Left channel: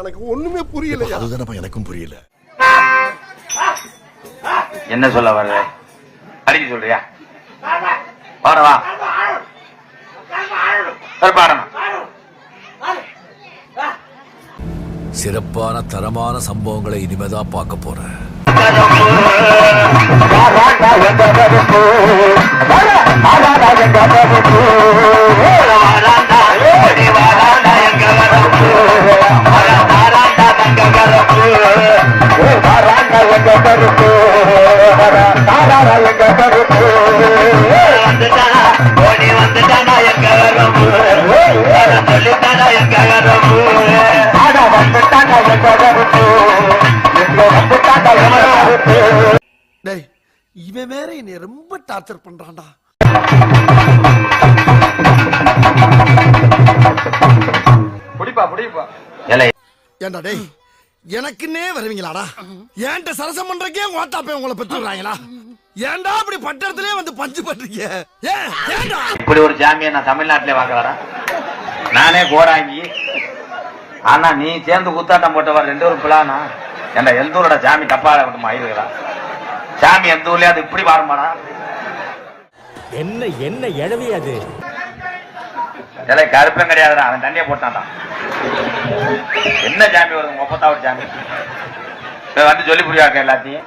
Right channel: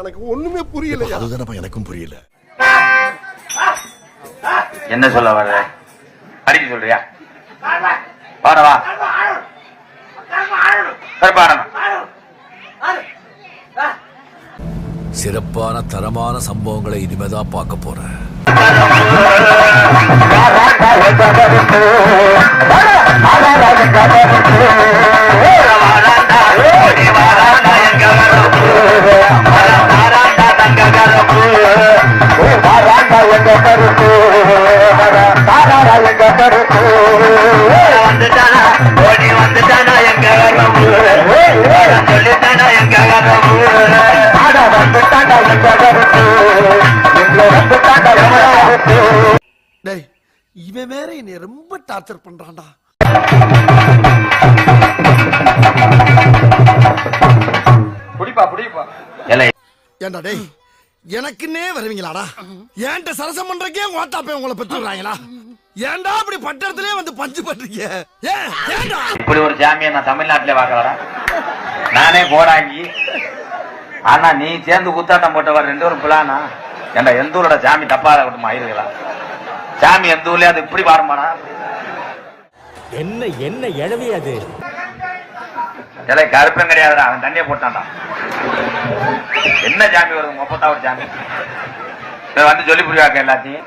எனக்கு ஒண்ணுமே புரியல. அதுதானப்பா எனக்கும் புரியல. என்ன சொல்ல வர்ற? அடிக்க சொல்றியா? பாடவா? சிறப்பான தரமான சம்பவங்களை இனிமேதான் பார்க்க போறேன். இவன் வேற என்னை ரொம்ப டார்ச்சர் பண்றான்டா. ஏண்டா டேய், எனக்குன்னே வருவீங்களாடா? ஏன்ட்ட சரசம் பண்றக்கே ஓட்டாப்பே உங்களை பெற்றுறாங்களா? ஏன்டா அப்படி பட்டத்திலே வந்து பஞ்சு பண்றீங்க? ஏன்டா இப்படி ஒரு ஜாமியை நான் தமிழ்நாட்டிலே வாக்குறேன். நானே கோராங்கி. ஆனா நீ சேர்ந்து கூத்தாட்டம் போட்டவர் 2 ஒரு பிளானா? ஏண்டா எந்த ஊரோட ஜாமி தப்பா இருக்கட்டுமா? இருக்கிறா சாமி எந்த ஊர்லயே அது இப்படி பாடுமாடா? என்ன என்ன எழவி அது? கருப்பம் கிடையாதுடா, அவன் தண்ணியை போட்டான்டா. என்ன ஜாமி வருது? 30வது ஜாமி வந்து சொல்லி புரியாக்க எல்லாத்தையும்.